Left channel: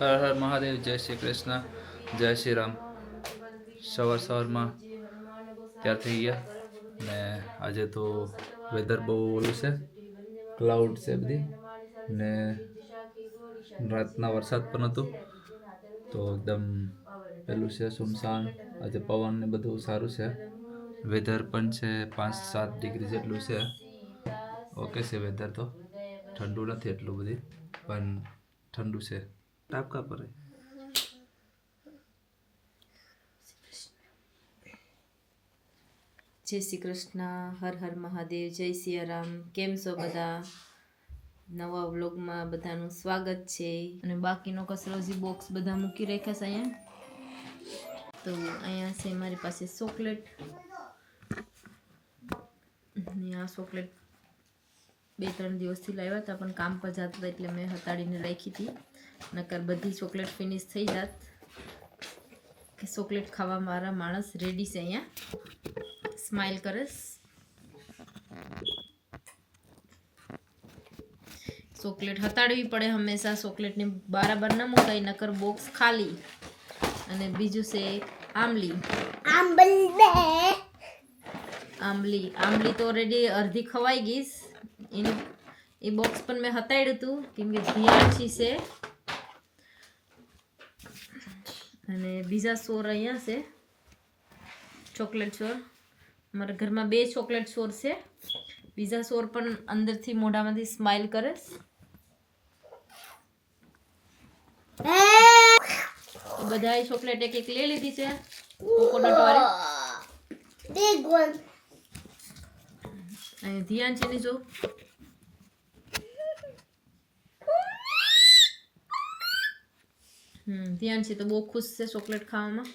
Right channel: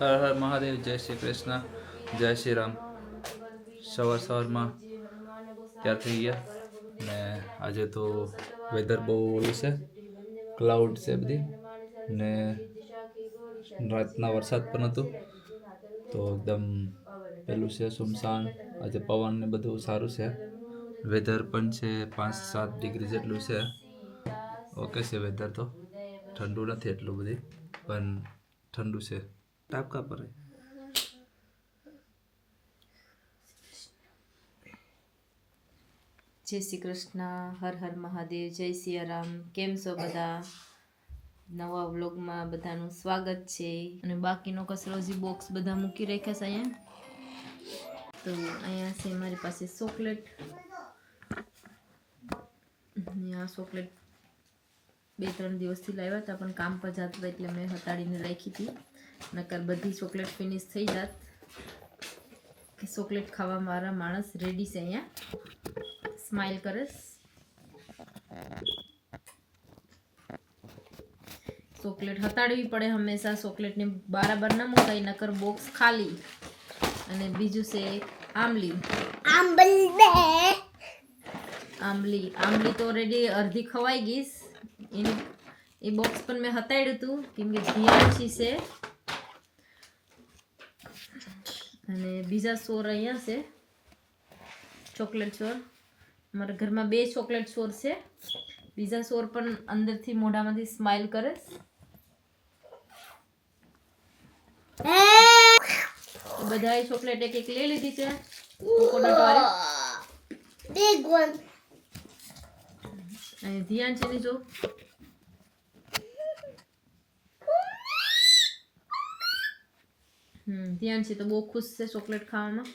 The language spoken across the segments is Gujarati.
હર હર મહાદેવ, જય શ્રી કૃષ્ણ, જય શ્રી રામ. સવારમાં તૈયાર થઈ ગયા ને આજે તો વેધર બહુ ઓલું છે, ક્લાઉડ છે બધી ને રાતના વરસાદ પણ હતું તો એકદમ પેલું છે સુમસાન. આજે પવન ને બધું સારું છે, વેધર પણ છે 5-7 ડિગ્રી જેટલું છે. ઓકે છે વેધર, તો ઠંડુ નથી એટલું બધી પણ ઠંડુ છે. टापका पर है. જય શ્રી કૃષ્ણ, હર હર મહાદેવ, જય સિયારામ. કેમ છો બધા? નવા વ્લોગમાં બધાનું સ્વાગત છે. અને બાકીનો કચરો જે બોક્સ બધા મૂકી રાખ્યા છે અહીંયા. તો અહીંયા છે મારી પાસે ચોકલેટ. ને આ ચોકલેટ 2-3 દિવસથી લાવ્યા હતા પણ કામ પર જતા હતા એટલે મેં હટાડીને રાખી હતી. નકર બધી ચોકલેટ ફિનિશ થઈ જાત. ચોકલેટ ખાવા મારા માણસ રેડી છે અહીંયા. સ્માઈલ કરસ. ચોકલેટ હટાડવી પડે હંમેશા. ચોકલેટને બરાબર ના મુકાય નકર બોક્સ ખાલી. અને બીજું છે આંબલી. આંબલી તો ઓલરેડી અડધી ખવાઈ ગઈ. એ બોક્સ પણ મેં હટાડ્યું હતું કેમ કે ધીયાછી છે. અને બીજા સોર અહીંયા છે, ચોકલેટ સોર. અમારા ઘરમાં 2 ચોકલેટ સોર છે. બીજા સોર પણ અંદરથી મોઢામાંથી સ્માઈલ કરે. બધાએ ચોકલેટ એક લઈ લીધી છે, કોકોનટ વાળી. અને ધ્યાન છે ની જો ધ્યાન છે તો બહુ ખુશ છે ચોકલેટ ખાવામાં.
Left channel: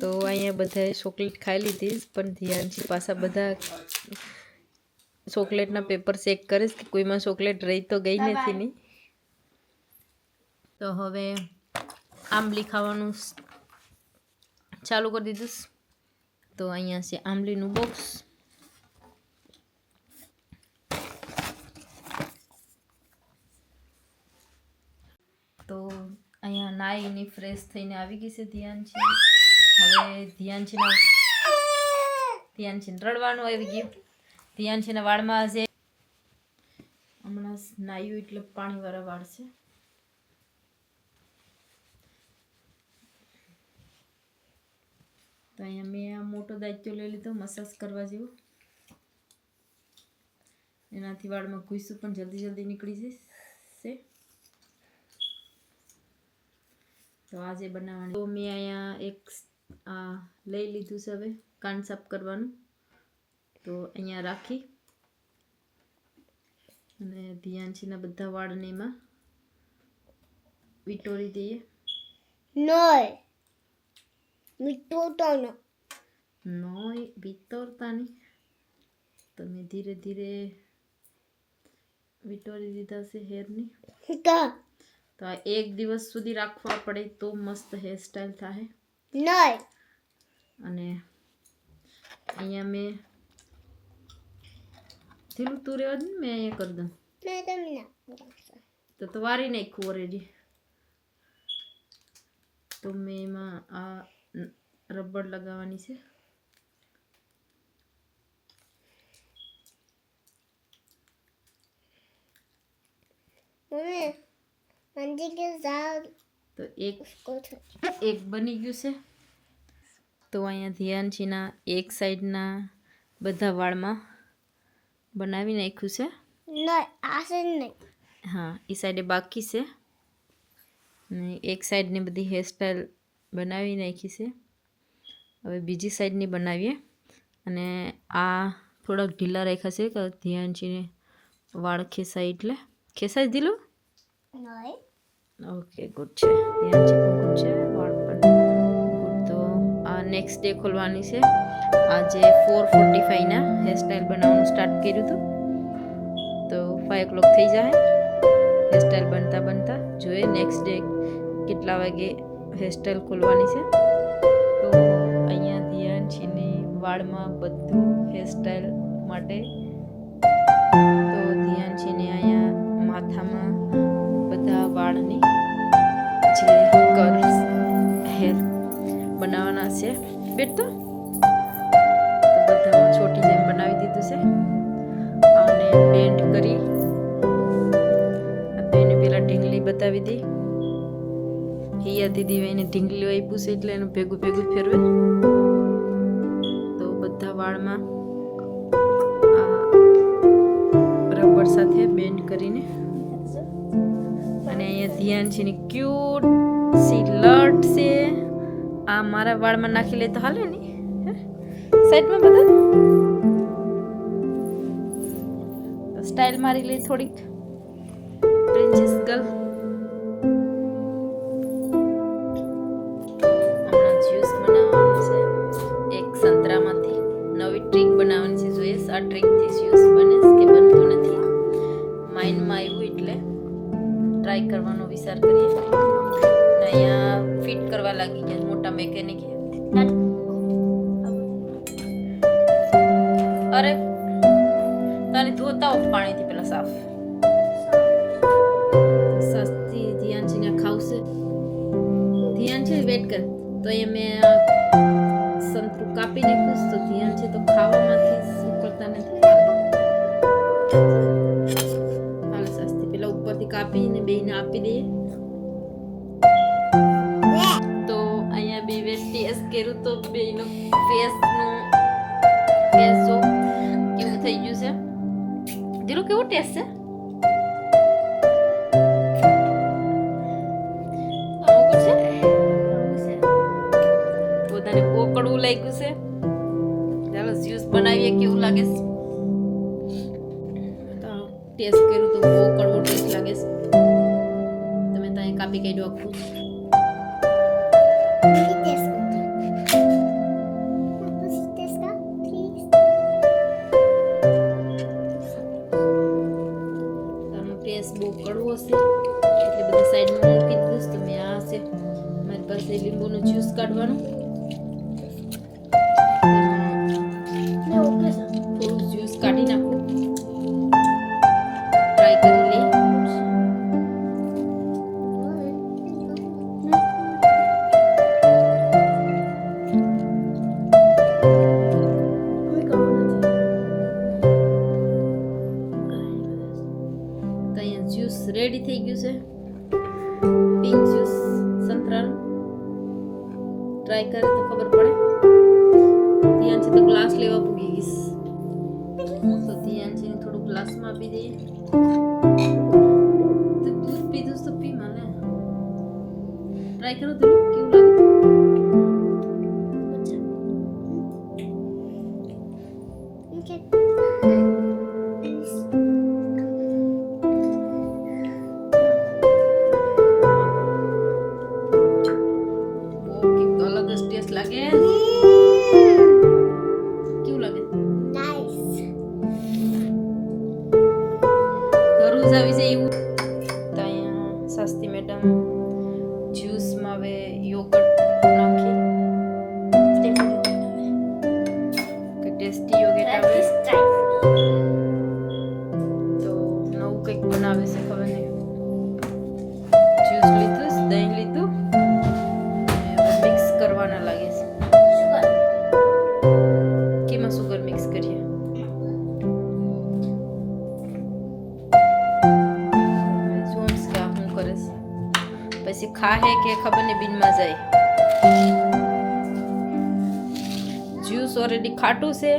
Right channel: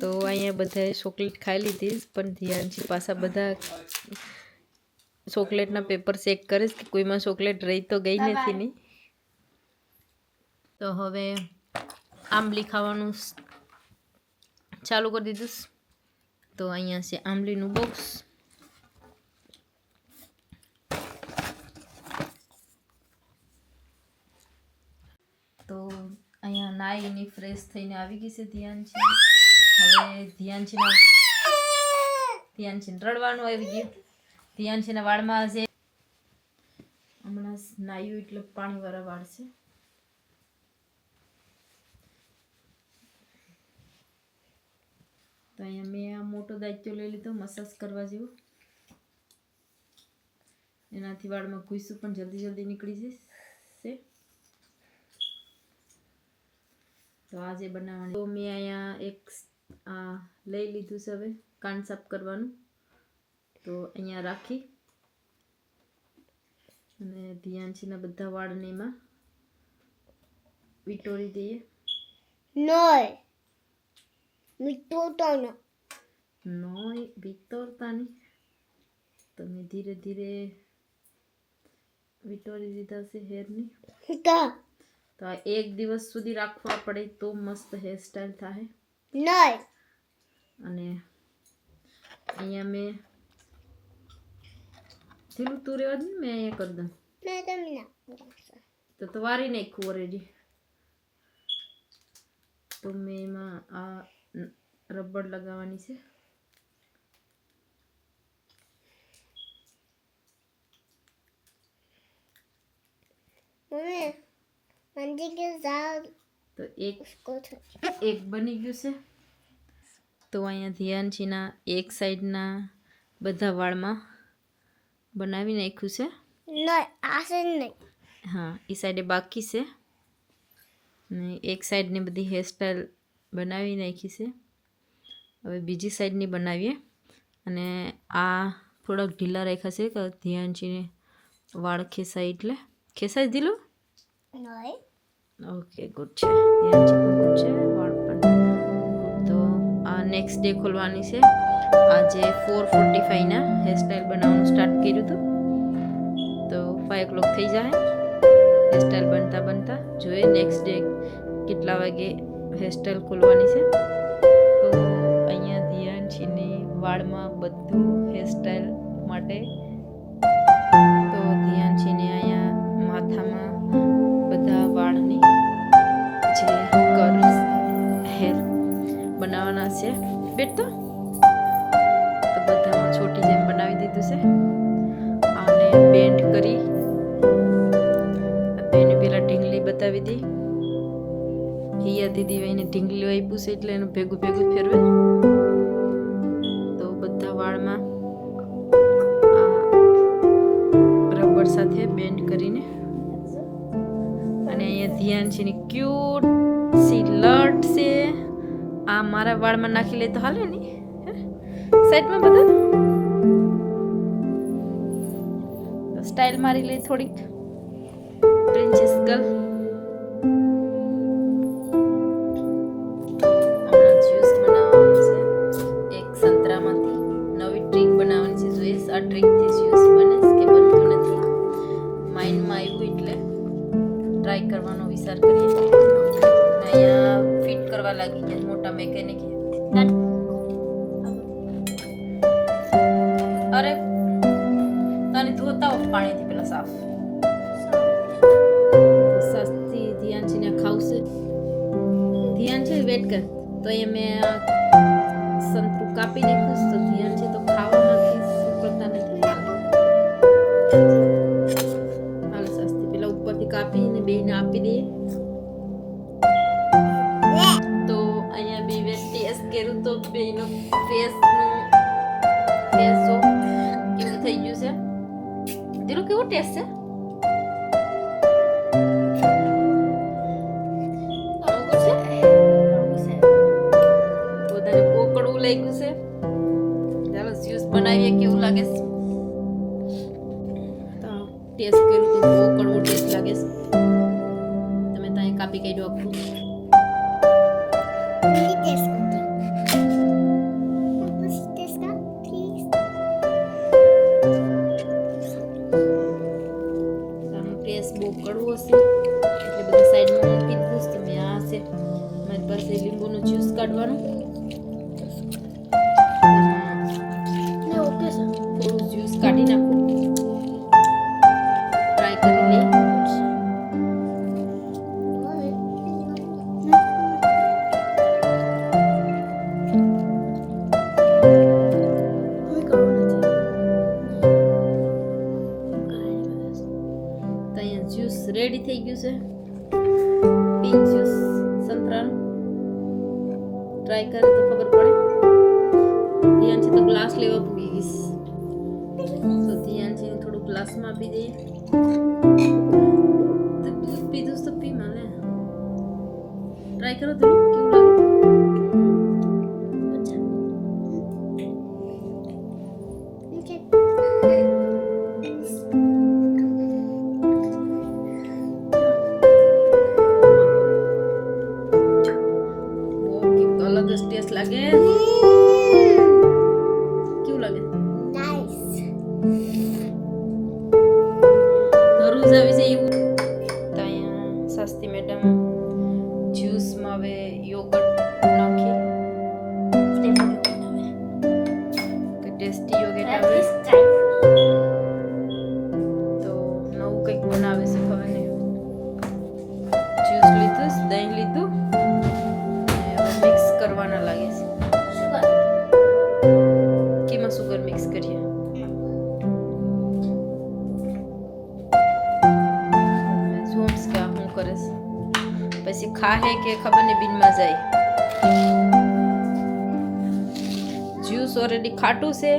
તો અહીંયા બધાએ ચોકલેટ ખાઈ લીધી પણ ધ્યાનથી પાછા બધા ચોકલેટના પેપર ચેક કરે કે કોઈમાં ચોકલેટ રહી તો ગઈ નથી ની. તો હવે આંબલી ખાવાનું ચાલુ કરી દીધું. તો અહીંયા છે આંબલીનું બોક્સ. તો અહીંયા નાઈને ફ્રેશ થઈને આવી ગઈ છે ધ્યાન છે. હવે ધ્યાન છે રડવાનું આવી ગયું. ધ્યાન છે ને વાળમાં છે હમણાં નાયું એટલે પાણીવાળા વાળ છે. તો અહીંયા મેં આ મોટો દાયિત્વ લઈ લીધો મસાજ કરવા જેવો. એનાથી વાળમાં ઘૂસું પણ જલ્દી નીકળી જશે. તો આજે બનાવવાની તો મેં અહીંયા એક લઈ લીધું છે હવે કાન સાફ કરવાનું. તો અહીંયા રાખી અને ધ્યાનથીના બધા વાળને એમાં વિટોરી દઈએ. વિટોરતા નહીં. તમે ધીરે ધીરે વિટોરી દીધા છે હેરની. તો આ 1 દિવસ સુધી રાખવા પડે તો મસ્ત હેરસ્ટાઈલ થાય. અને અહીંયા મેં ઢીલું તું રહેવા દે ને, મેં અહીંયા કરી દઉં તો વારી નાખ્યું ઓલરેડી. તો મેં એમાં આ રબર લગાવવાની છે. તો એક બની ગયું છે. તો અહીંયા ધ્યાનથીના એક સાઈડના બધા વાળમાં બનાવી નાખ્યું છે. હા, એ સાઈડે બાકી છે. ને એક સાઈડની બધી હેરસ્ટાઈલ બનાવી નાખી છે. હવે બીજી સાઈડની બનાવીએ. અને આ થોડાક ઢીલા રાખ્યા છે કે ધ્યાનથીને વાળ ખેંચાય એટલે. ખેંચાઈ દીધું? ઓકે, ગુડ છે. ધ્યાનથી પણ ગુડ છે, વાળ પણ ગુડ. તો આ નેક્સ્ટ ડે ખોલવાની છે. આજે 4:45 હેરસ્ટાઈલ બનાવવાનું સ્ટાર્ટ કર્યું હતું. તો 5 o'clock થઈ જાય. હેરસ્ટાઈલ બનતા બનતા જોઈએ નેક્સ્ટ ડે કેટલા વાગે હેરસ્ટાઈલ ખોલવાની છે. તો અહીંયા ધ્યાનશીની વાળમાં બધું હેરસ્ટાઈલ માટે તો ધ્યાનશીને અહીંયા માથામાં બધા વાળની જે હેર બનાવવાના છે બેટા તો બધામાં છોટી જેમ બનાવી દીધું છે. આને બેન્ડ કરી એને પેલા ઢીંગલી બતાવી દી. હિયા દીદી એને ઢીંગલી આપ્યું છે એટલે એનું ભેગું ભેગું ફેરવે. તો બધા વાળમાં રબર સાથે બેન્ડ કરીને અને અહીંયા ધ્યાનશીની ક્યુટ સી લટ છે. આ મારા વાળમાં નાખી લે તો હાલે ને સાઈડમાં બધા સ્ટાઇલ મારી લે થોડીક પ્રિન્સેસ ગર્લ. હમણાં જ્યુસ બનાવવાનું છે એક સંતરામાંથી. નવી ટ્રીક બનાવવાની છે. જોઈએ આ ટ્રીકથી જ્યુસ બને કે બનતું નથી. માઇન્ડમાં આવ્યું એટલે ટ્રાય કરવાનો વિચાર કરીએ. અહીંયા ફિટ કરવા લાગી ગયા મોટા મેકેનિક. અરે તને ધોતા હો પાણીથી પેલા સાફ. સસ્તી ધ્યાનશીને ખાવશે. ધ્યાનશી વેટ કર. તો એ મેં સંતરું કાપી નાખ્યું તો ધ્યાનશી તો ખાવામાંથી ઉકળતા નથી. હાલ સસ્તી પેલા ઉપરથી કાપીને બેને આપી દઈએ. તો અહીંયા બે ટેસ્ટ કર્યું તો બેનો ફેસનું ટેસ્ટ જો કેવું થઈ ગયું છે. દિલો કેવો ટેસ્ટ છે? પોતાને કોકડવું લાગ્યું છે. ચાલો જ્યુસ બનાવીએ કેવું લાગે છે. તો ટેસ્ટ કર્યું તો બહુ કડવો ટેસ્ટ લાગે છે. તમે ત્યાં કાપી કાઢ્યું આખું. ટેસ્ટ બહુ કડવો હશે એટલે બધા સાઈડમાં મૂકી દીધું. તો મેં આ છે મારી પાસે લીંબુનું જ્યુસ કાઢવાનું. થોડું જ્યુસ કાઢી નાખું. ટ્રાય કરી લઈ. જ્યુસ રેડી થઈ ગયું છે. Pink juice સંતરાનું. ટ્રાય કરે તો ખબર પડે. ધ્યાનથી તો ગ્લાસ લેવા પૂગી ગઈશ. તો ધ્યાનથી થોડું ગ્લાસમાં આપી દઈએ. તો દૂધ પીધું તો પી મને. ટ્રાય કરો તો કેવું લાગે. ટેસ્ટ લાગે. કેવું લાગે? નાઈસ. તરબૂચ આવી જાય એવું. તો અહીંયા સસ્તી મેડમ જ્યુસમાં હવે યોગર્ટ નાખી કે ટેસ્ટી યોગર્ટ આવે. તો નવું કંઈક બનાવે છે ખબર નહીં. જ્યુસ લીધું, દહીં લીધું, મિક્સ કરવાના લાગે છે. કેમાં સુગર મિક્સ કરીએ? જોમ્સ કે હું કરે છે પછી ખાહે કે ખબર ને બિનમાં જાય. જ્યુસ ઓલરેડી ખાટું છે.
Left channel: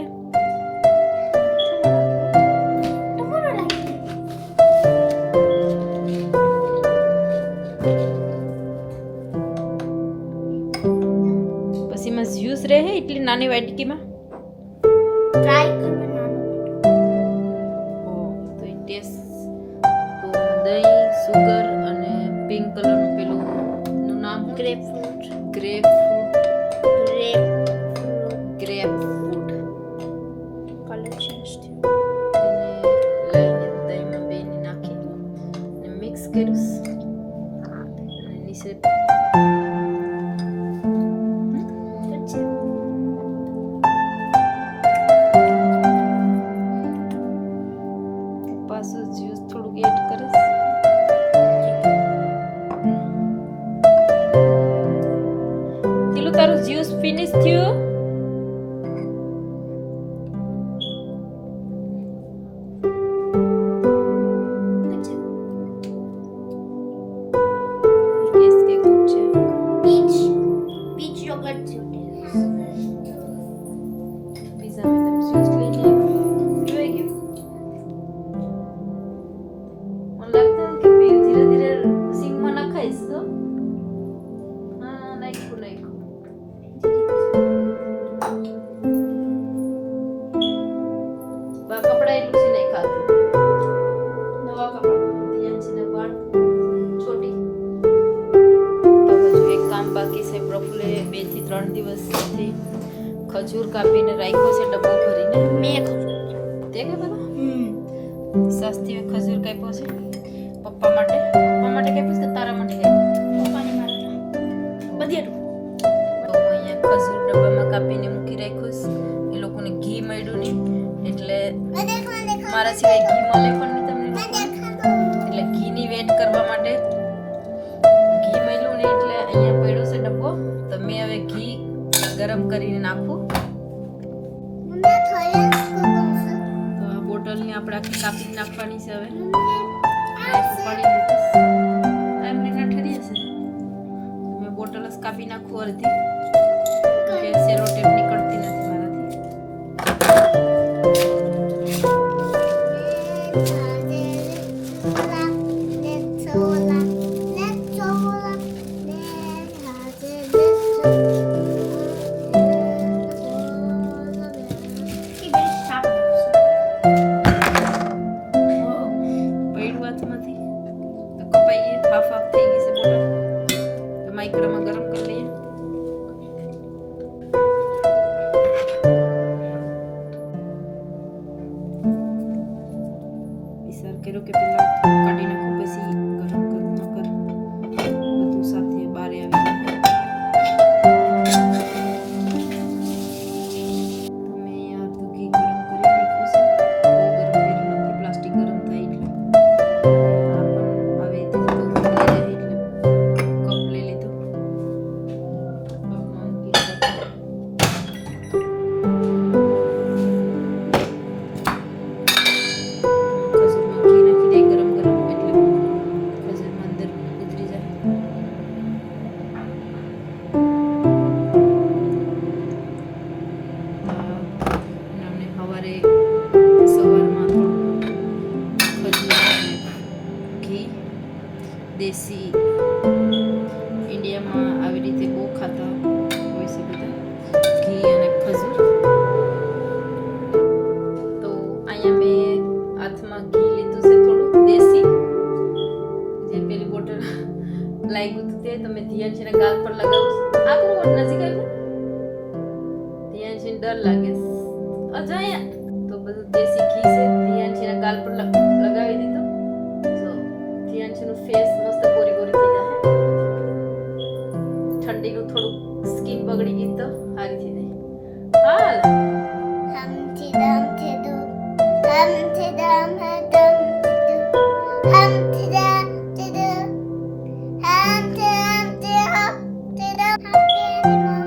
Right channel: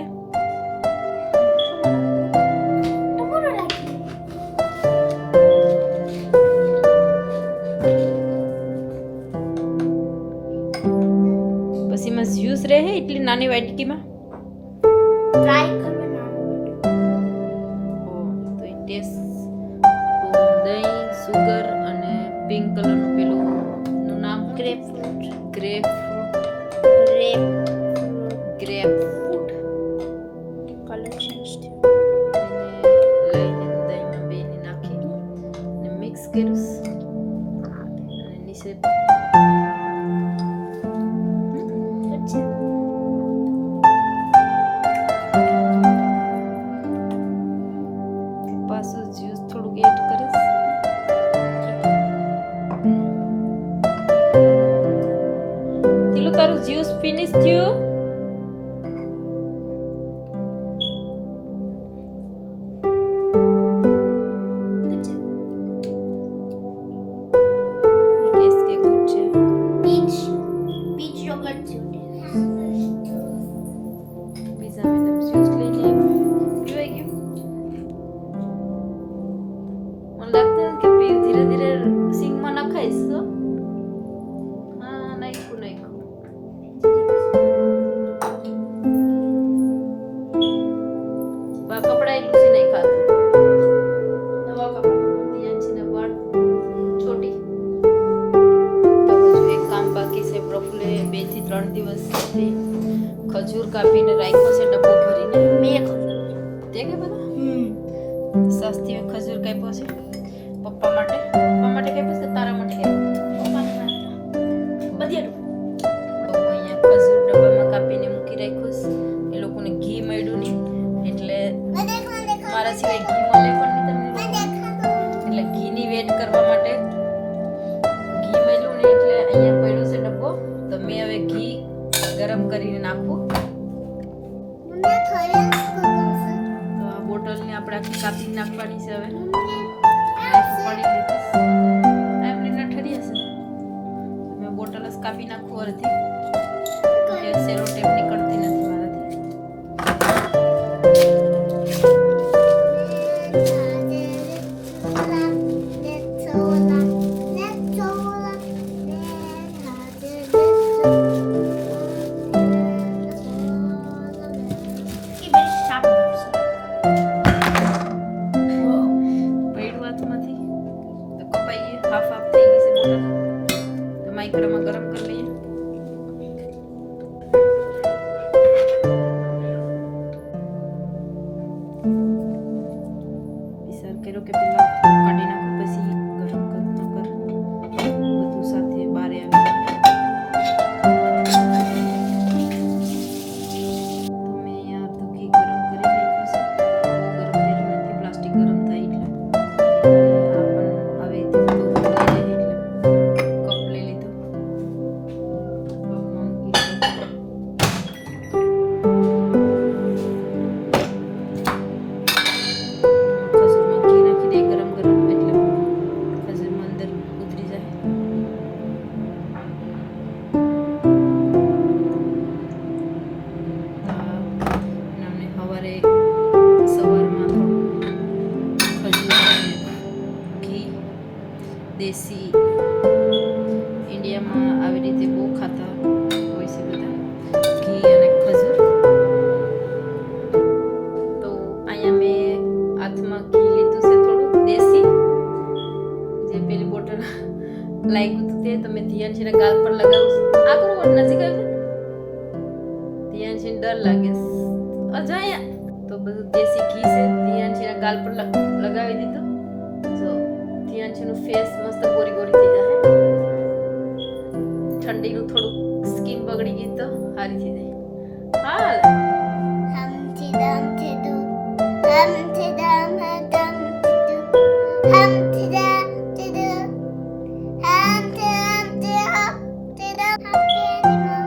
પછી માં જ્યુસ રહે એટલી નાની વાટકીમાં ટ્રાય કરવાનો. ઓ તો એ ટેસ્ટ તો દહીં, સુગર અને પિંક કલરનું પેલું નું નામ ગ્રેપફ્રૂટ. ગ્રેપફ્રૂટ કલર ચેન્જ થયો. એને લઈને દહીંમાં બેને નાખી અને મિક્સ બાકી છે. Good job. પાછું જ્યુસ થોડુંક એડ કરીશ. તીલું તારું જ્યુસ ફિનિશ થયું? Good job. કેસ કે ગુડ છે. Peach yogurt juice. બીજા મેડમ જ્યુસ લઈને આવ્યા. પીવાઈ ગયું? મને લાગતું કે ધીરે ધીરે સિંગમાં નખાઈશ તો. હા, નાખ્યું. બા કપડા એટલું છે નહીં ખાતું. નવા કપડા ત્યાં છે ને વાળ છોટી. તો હજુ એક કામ બાકી છે. પ્રફુલ્લે 2 થી 3 દિવસથી ખજૂર કાપીને રાખ્યો છે ડબ્બો ભરીને. તે કે બધા સસ્તી ખજૂર કાપ્યો છે પપ્પા માટે. પપ્પા માટે કાપ્યો છે કે તારા માટે કાપ્યો? Badiadu. તો અહીંયા ખજૂર ડબ્બામાં કાપીને મૂકી રાખ્યો છે. એ લોકોને ઘી મળ્યું નહીં એટલે મારા સિવાય ઘી મળે પણ નહીં તમને લોકોને. એટલે ઘીની વેટ કરવા માટે ઘી મળ્યું ને એટલે અહીંયા પડ્યો છે ડબ્બો. તો મેં હવે ઘી ગરમ કરીને નાખું. તો આ બોટલને આપણે આખી કાપી નાખવાની છે હવે. નાઈફ ઉપાડી લીધી. એમને ના ઠરી હશે. તો મેં બોટલ જ કાપી નાખું અડધી. કે સેલો ટેપ નીકળતી નથી મારાથી. પડ્યું હાથમાંથી તો કપાઈ ગઈ. હાફ હાફ થઈ ગઈ છે બોટલ. તો માઇક્રોમાં ગરમ કરી લઈએ. વિચાર કર્યો કે પેલા કાઢી નાખો પછી ગરમ કરું. નકર બધું સાથે બારે આવી જાય. તો મેં અહીંયા અડધું ઘી ગરમ કરી નાખ્યું છે. બહુ ગરમ કર્યું નથી. પ્લાસ્ટિક ગરમ થાય એટલે. આ પણ હવે તે તો લઈ રહે એટલે કપ લઈ લીધો. કપમાં ઘી નાખ્યું. ખજૂરમાં ઘી નાખી દે ગરમ ગરમ એટલે ખજૂરમાં અંદર ઉતરી જાય. અને સવારમાં થોડું ખજૂર અને ઘી દેશી ઇન્ડિયામાં આવી રીતે બહુ ખાતા હોય છે બધા. ઘી અને ખજૂર. તો અહીંયા મેં હાથમાં ઘી લીધું છે થોડું દેશી. જે પેલી બોટલ લાગ્યું હતું તે તમે ધ્યાન છે ને ગાલ પર લગાવો. આ કોણ નજીક આવ્યું? ધ્યાન છે ડર લાગે છે. અજાયા તો બધું દેશી ઘી છે. ધ્યાન છે ને ગાલ પર લગાવી દીધું. જો ધ્યાન છે નું ફેસ મસ્ત ગોરી ગોરી થઈ જાય. ઠંડીનું થોડું સ્કિન બગડી ગઈ તો સારી થઈ જાય. હાલ Humpty Dumpty Doo. Humpty Dumpty Doo. Humpty Dumpty Doo. Humpty Dumpty Humpty Doo. Happy animal.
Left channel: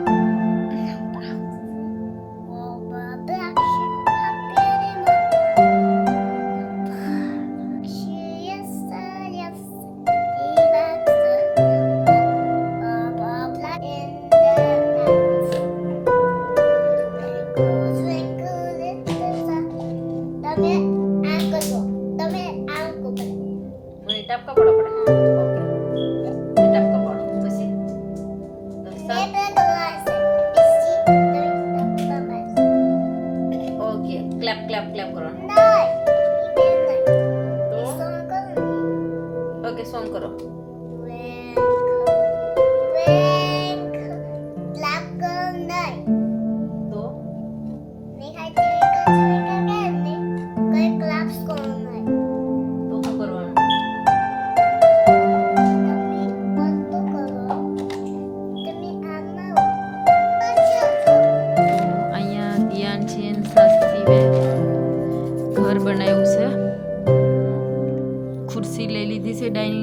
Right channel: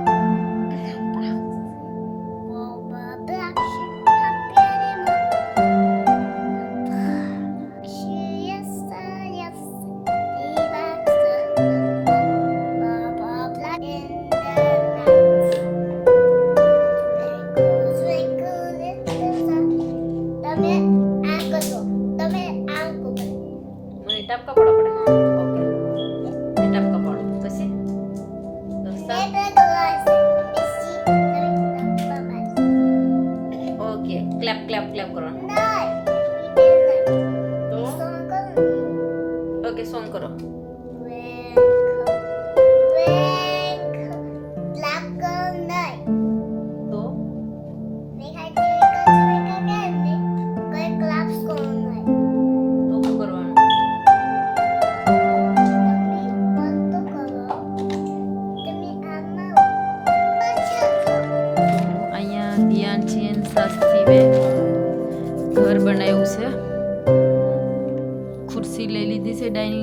Boba Black Sheep. Happy animal.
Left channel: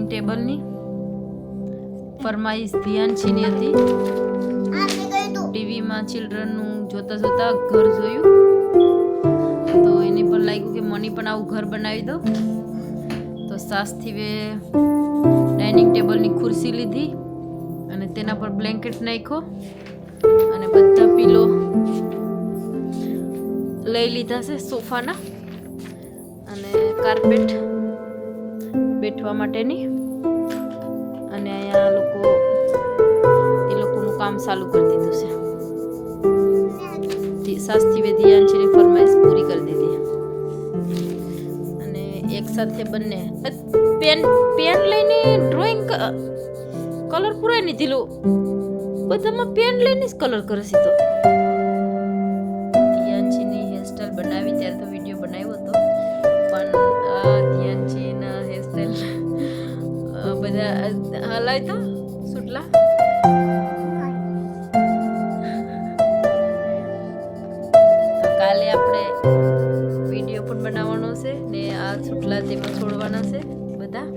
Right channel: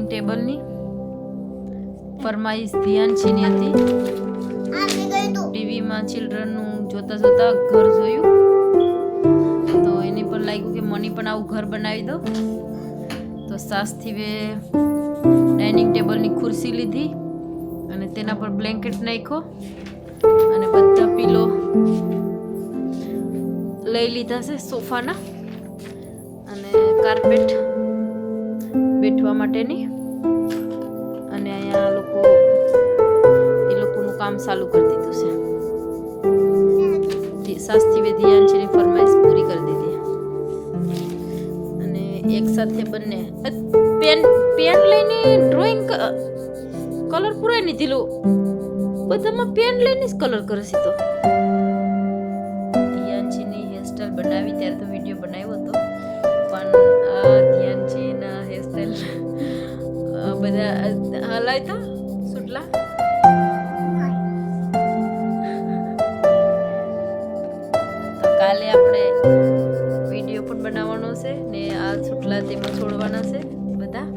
Dining ટેબલની ફરમાઈશ ધ્યાનશીની હતી. આ મેં કહ્યું તું ટીવીમાં ચિલ્ડ્રનનું જોતા જોતા ઘર જોયું તો એને પણ લાગ્યું કે મને પણ આવું ઘર બનાવી દો. તો સાસથી ડાઇનિંગ ટેબલની ખુરશી લીધી અને તેના પર બ્લેન્કેટ નાખ્યો અને બધા પીલો લઈ લીધા છે સોફાના અને કાર્પેટ બેઠવા માટેની. અને અહીંયા એ લોકોનું કામ ચાલુ કરી દીધું છે. સાસથી ધ્યાનશીની ફરમાઈશ પૂરી કરી દીધી અને એક સાથે બંને પેન લઈને ડ્રોઈંગ કલર પૂરાય નહીં દીધું. બધામાં પેન લઈને જ કલર કરે છે. તો ધ્યાનશીની હેરસ્ટાઈલ બનાવી ત્યારે તો વિડીયો બનાવ્યો હતો પણ ધ્યાનશીના હેરસ્ટાઈલ બધા હલાય તો સુટલા તો કાલે આપણે વિડીયો પણ બનાવવાનો છે ને આ સુટલા તેમાં છોડવાના છે બધા.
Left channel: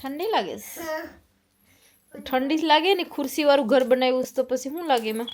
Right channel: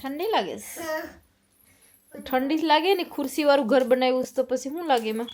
ઠંડી લાગે છે? ઠંડી લાગે ને ખુરશી વાળું ઘર બનાવ્યું તો પછી શું લાગે એમાં?